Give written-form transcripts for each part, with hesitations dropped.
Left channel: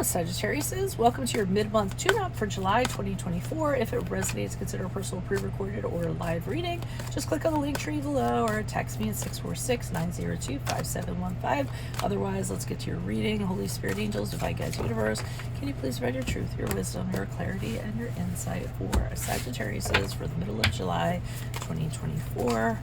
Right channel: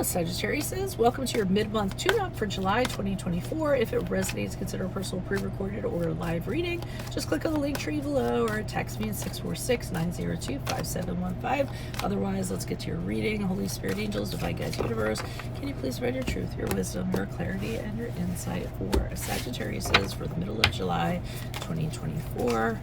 Hello, Sagittariuses. Welcome to your mid-month tune-up for July 2024. If it resonates, consider a personal pre-recorded or live reading. Just click on the link tree below or text me at 646-902-5715. Otherwise, let's get to your reading. Holy Spirit, angels, divine guides, universe, can you please provide your truth, your wisdom, your clarity, and your insight for Sagittariuses for the middle of July 2024?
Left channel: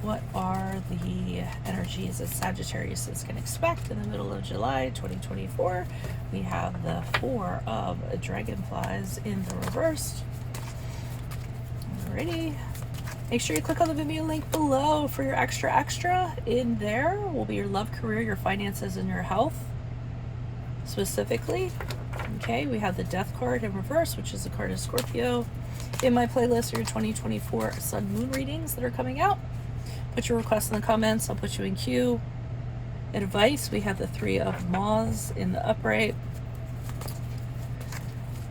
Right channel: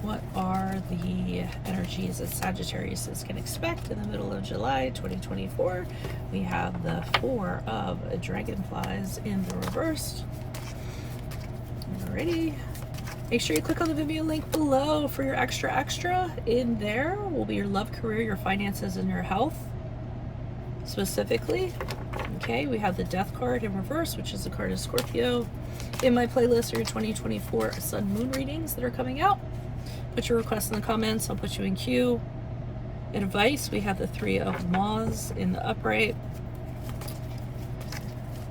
What are the energies that Sagittarius can expect in the middle of July 2024? We have the Four of Dragonflies in the reverse. Alrighty. Make sure you click on the Vimeo link below for your extra. In there will be your love, career, your finances, and your health. Specifically, okay, we have the Death card in reverse, which is the card of Scorpio. In my playlist are your 2024 Sun Moon readings that are coming out. Put your requests in the comments. I'll put you in queue. Advice, we have the Three of Moths in the upright.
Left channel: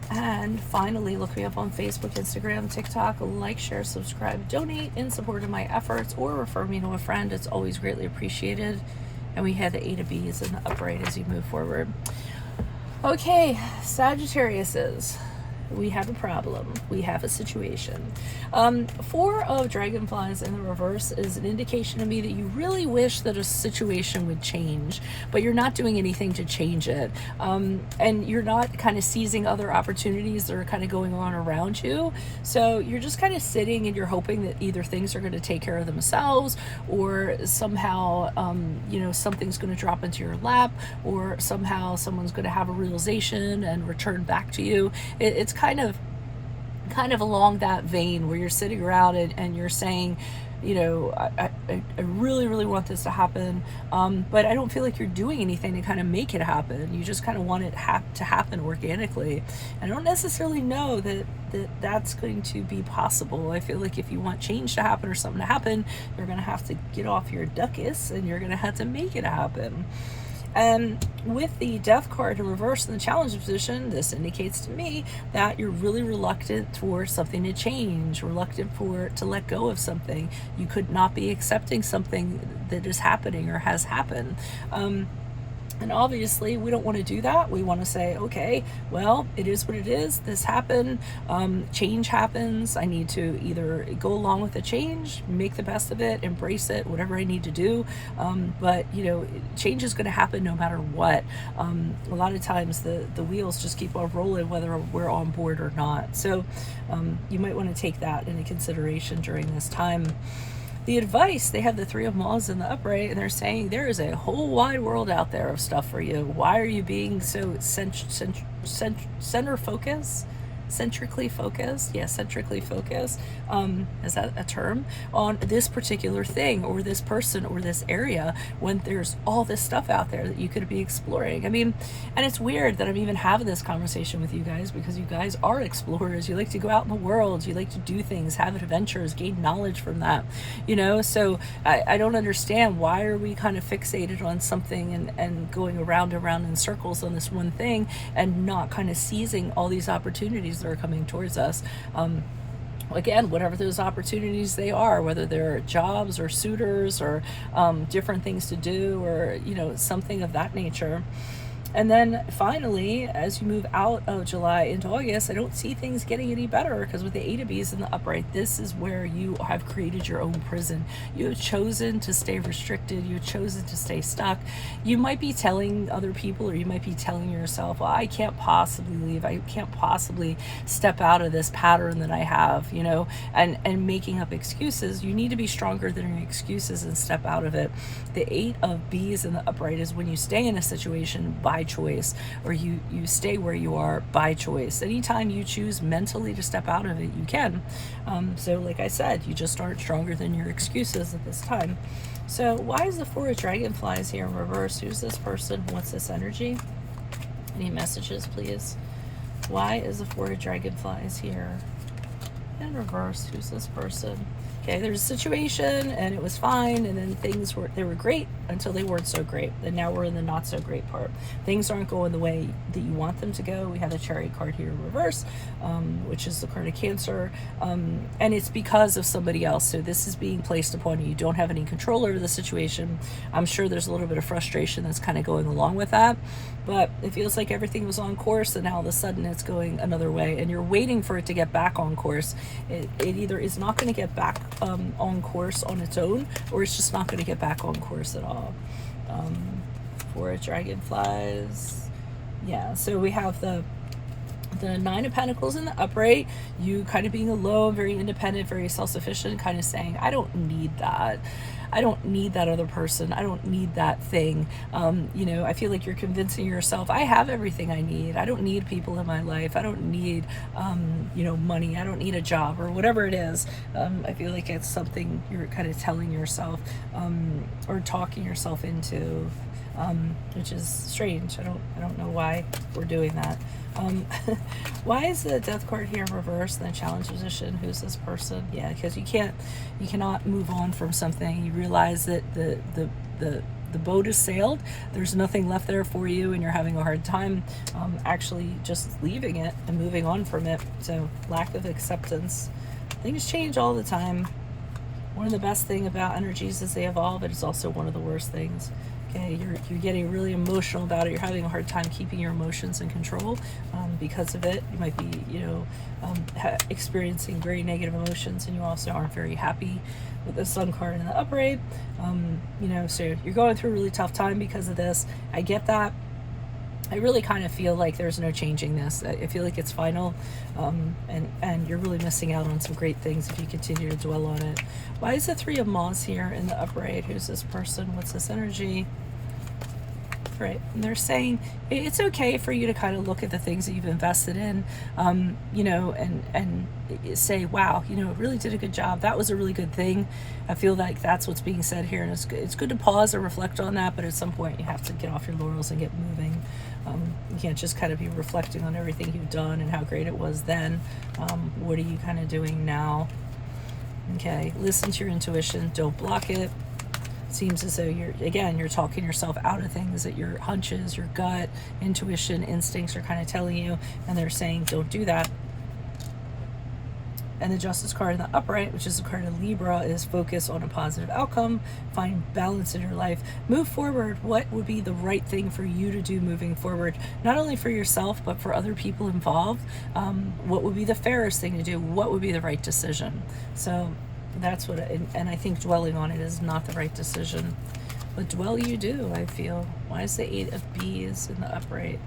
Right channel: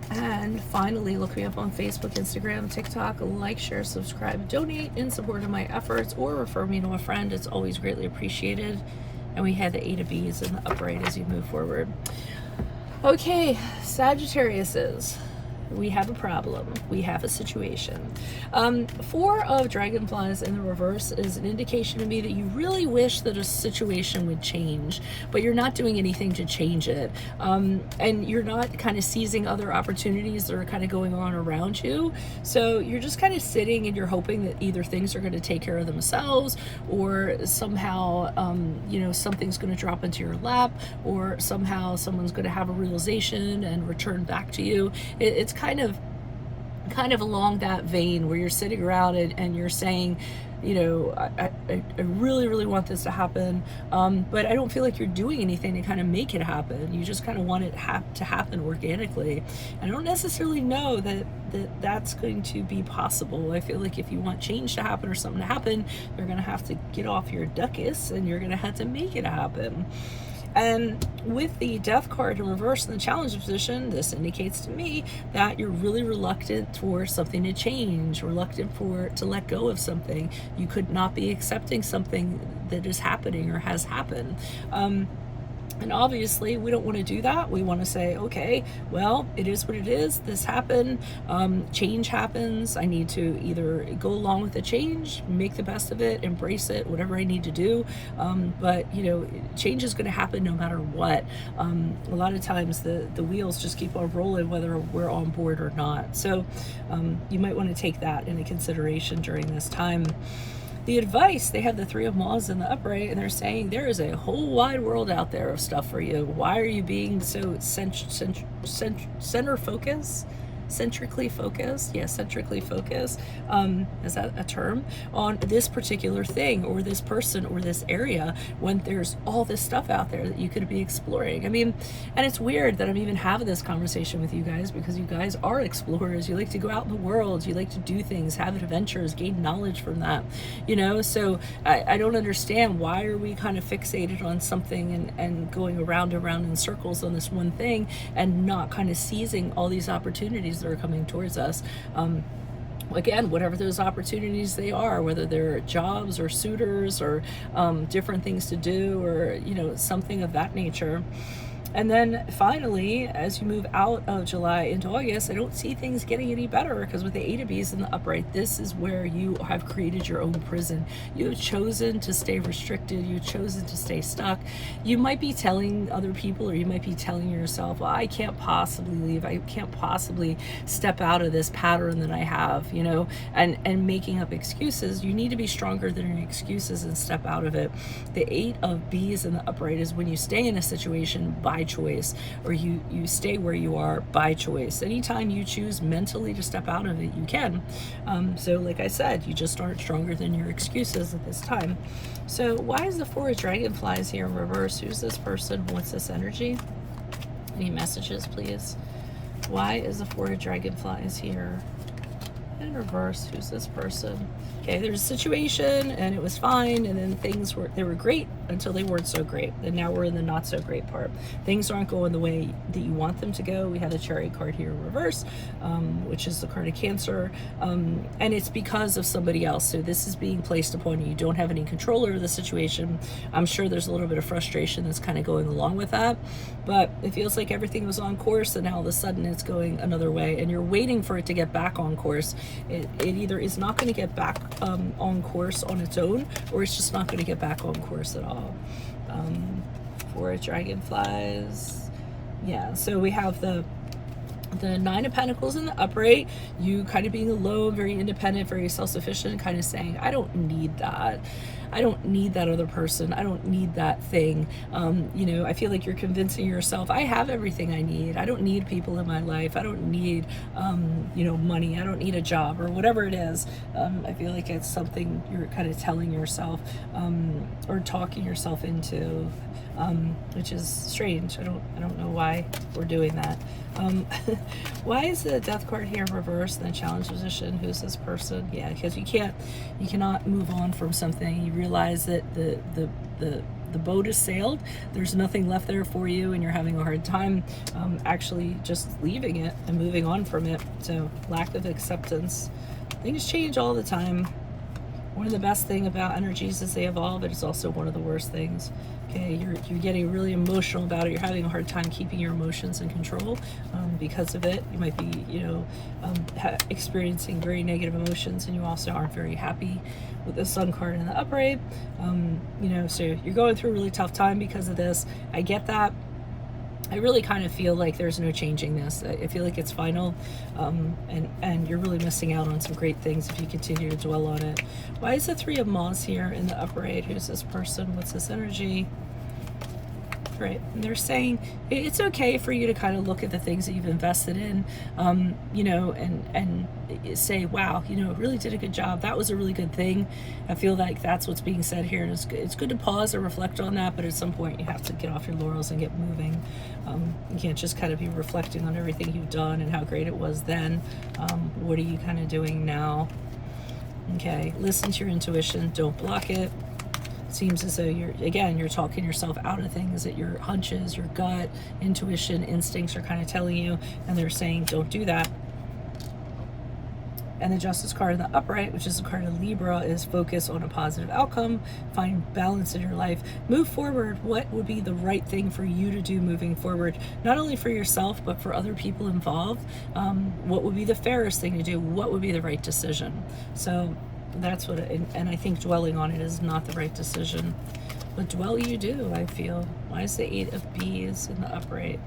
And finally, look me up on Facebook, Instagram, TikTok. Like, share, subscribe, donate in support of my efforts, or refer me to a friend. It's always greatly appreciated. And we have the Eight of Bees in the upright as you move forward. Okay, Sagittariuses. We have a problem. We have a situation. Four of Dragonflies in the reverse is an indication to me that you really wish that a situation would change, but you're not doing anything to change it. And you're not kind of seizing other opportunities that are kind of going on around you. So you're just kind of sitting and you're hoping that either things are going to take care of themselves, or somehow, something's going to drop into your lap, or somehow someone's going to have a realization and return back to you. It's kind of along that vein where you're sitting around and you're saying, I really want this to happen, but I don't feel like you're doing anything to kind of make it happen. You just kind of want it to happen organically. I don't necessarily know that's going to be possible. I feel like if you want change to happen or something to happen, you're going to have to get off your duckus and you're going to have to make it happen. And with the Death card in reverse in the challenge position, this indicates to me that you're really reluctant for something to change, reluctant to let go of something. You could not be accepting something that is happening or has happened. And obviously, we don't want to do that. We want to say, okay, well, it is what it is. This happened. Change happens. I need to either go along with the change, make the best of it, embrace it, whatever I need to do. But, change is going to happen no matter what. A lot of times the wheels just keep on rolling whether we're on board or not. So you might want to take that into consideration during this time. The advice, they have the Three of Moths in the upright, and they're saying there is a whole wide world out there of stuff for you. Why are you being so centrically focused? Yeah, centrically focused. Is that a term? On this particular thing or this person or this area when there's all this stuff out there that you could be exploring. I mean, and it's weird that I'm even having this conversation with you guys because you guys are explorers. You like to go out in the world. You like to do things, have adventures, gain knowledge from that, so I don't understand why are we kind of fixated on something and going around in circles on this one thing and not kind of seizing all these opportunities that are coming towards us. Again, whatever those opportunities they are, whether they're jobs or suitors or different things to do or something of that nature. And then finally, as you move out of July into August, I don't see things getting any better because with the Eight of Bees in the upright, this is where you have created your own prison. You have chosen to stay restricted. You've chosen to stay stuck. You might be telling other people, or you might be telling yourself, well, I can't possibly leave. I can't possibly step out of this pattern that I have, and making up excuses. You need to be stronger than your excuses and step out of it. The Eight of Bees in the upright is when you stay in a situation by choice, or you stay where you are by choice. Anytime you choose mentally to step out of it, you can. So like I said, you just aren't stronger than your excuses at this time. So why is the Four of Dragonflies here in reverse? Who's this person? What's this energy? Any messages, please? Why is the Four of Dragonflies here in reverse? Who's this person? Okay, there's a situation and it was fine, and then they were great until they weren't so great, and now we're in the not so great part. Things aren't going the way that you want them to go. We have a Chariot card here in reverse, which is the card of Cancer, and it's because of somebody else. So this is being placed upon you. You don't have any control over the situation. I'm sure there's a little bit of frustration that's kind of going along with that, but it feels like everything was on course, and now all of a sudden it's going another way, and you're waiting for it to get back on course. It either is not going to get back on course on its own, or it's just not going to get back on course at all. For dragonflies, yeah, so we have the Nine of Pentacles in the upright, you kind of being alone, very independent, very self-sufficient, kind of saying, I don't need that. I don't need that other person. I don't need that thing. You know, I feel like you're convincing yourself, I have everything I need. I don't need people in my life. I don't need, you know, money. I don't need a job or whatever it is. I feel like it's something you're kind of telling yourself, or talking yourself into, which is strange. I don't know why we're doing that. Why is the Death card here in reverse in the challenge position? Who's this person? Yeah, because you cannot move on from something. You realize that the boat has sailed. There's nothing left there for you, and you're having a hard time actually just leaving it and moving on from it. So lack of acceptance. Things change all the time. One of the best things about energies is they evolve. It is also one of the worst things. Okay, you're getting really emotional about it. You're having a hard time keeping your emotions in control because of it. You might be, you know, experiencing very negative emotions, and you also aren't very happy with the Sun card in the upright. You know, so you're going through a really tough time because of this. I get that. I really kind of feel like there's no changing this. I feel like it's final, and you're really missing out on some great things if you continue to dwell on it. Why is the Three of Wands here in the upright? Who's this person? What's this energy? Right, and they're saying it's okay for you to kind of look at the things that you've invested in, you know, and say, wow, you know, it really did a good job. That was a really good thing. I feel like that's what's being said here, and it's good to pause and reflect on that, but at some point you have to get off your laurels and get moving. You can't just kind of be reflecting on everything you've done and how great it was then. What are you kind of doing now? Okay, listen to your intuition, don't block it. Seems as though you're talking yourself out of things that your hunches, your gut, intuition, instincts are kind of telling you, and they're saying don't do that. And the Justice card in the upright, which is the card of Libra, is focus on a positive outcome, find balance in your life, move forward. What would be the right thing for you to do moving forward, not only for yourself but for other people involved? What would be the fairest thing to do? What would be the right decision? So that's what, and I think dwelling on it is not the right decision, but dwell you do, I feel. Why is the Eight of Bees in the upright?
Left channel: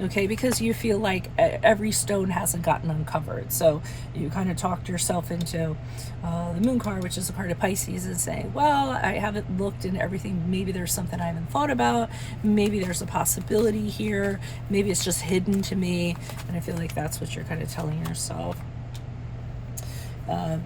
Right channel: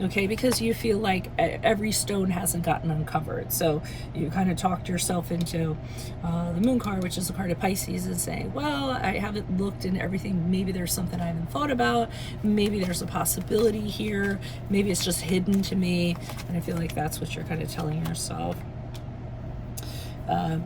Okay, because you feel like every stone hasn't gotten uncovered. So you kind of talked yourself into the Moon card, which is a part of Pisces, and saying, well, I haven't looked into everything. Maybe there's something I haven't thought about. Maybe there's a possibility here. Maybe it's just hidden to me. And I feel like that's what you're kind of telling yourself.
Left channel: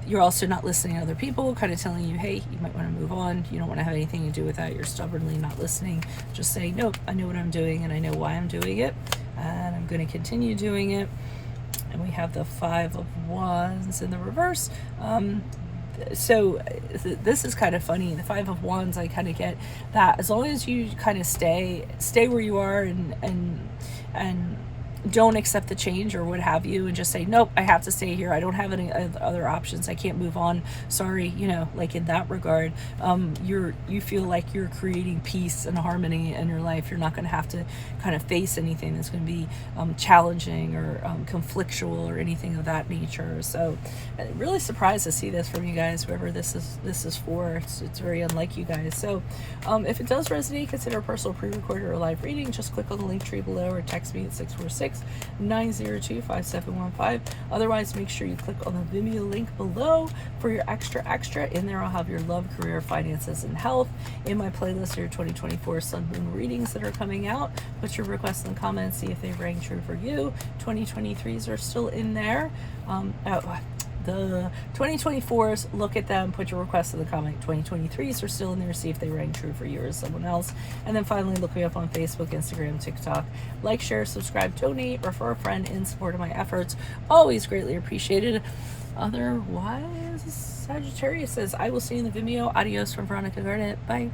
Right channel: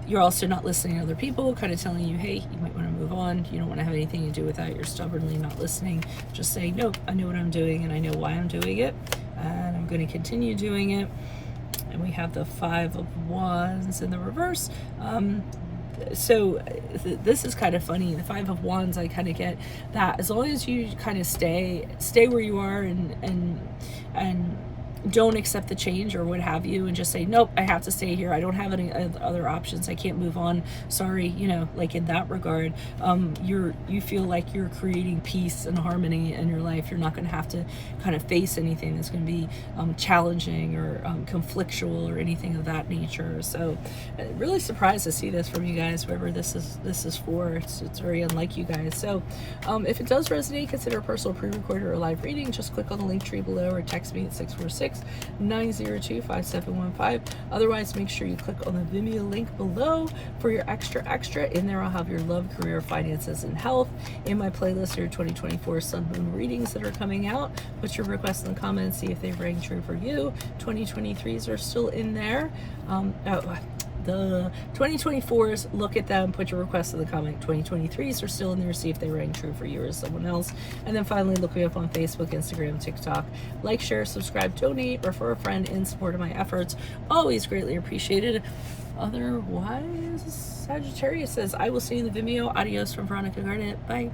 You're also not listening to other people, kind of telling you, hey, you might want to move on. You don't want to have anything to do with that. You're stubbornly not listening. Just saying, nope, I know what I'm doing, and I know why I'm doing it, and I'm going to continue doing it. And we have the Five of Wands in the reverse. So this is kind of funny. The Five of Wands, I kind of get that. As long as you kind of stay where you are and don't accept the change or what have you, and just say, nope, I have to stay here. I don't have any other options. I can't move on. Sorry, you know, like in that regard, you feel like you're creating peace and harmony in your life. You're not going to have to kind of face anything that's going to be challenging or conflictual or anything of that nature. So really surprised to see this from you guys, whoever this is for. It's very unlike you guys. So if it does resonate, consider a personal pre-recorded or a live reading. Just click on the link tree below or text me at 646-902-5715. Otherwise, make sure you click on the Vimeo link below for your extra. In there I'll have your love, career, finances, and health. In my playlist, your 2024 Sun Moon readings that are coming out. Put your requests in the comments, see if they rang true for you. 2023s are still in there. the 2024s, look at them, put your requests in the comment. 2023s are still in there, see if they rang true for you or someone else. And then finally, look me up on Facebook, Instagram, TikTok. Like, share, subscribe, donate, refer a friend in support of my efforts. Always greatly appreciated. Otherwise, Sagittarius says, I will see you in the Vimeo. Adios from Veronica Garnett. Bye.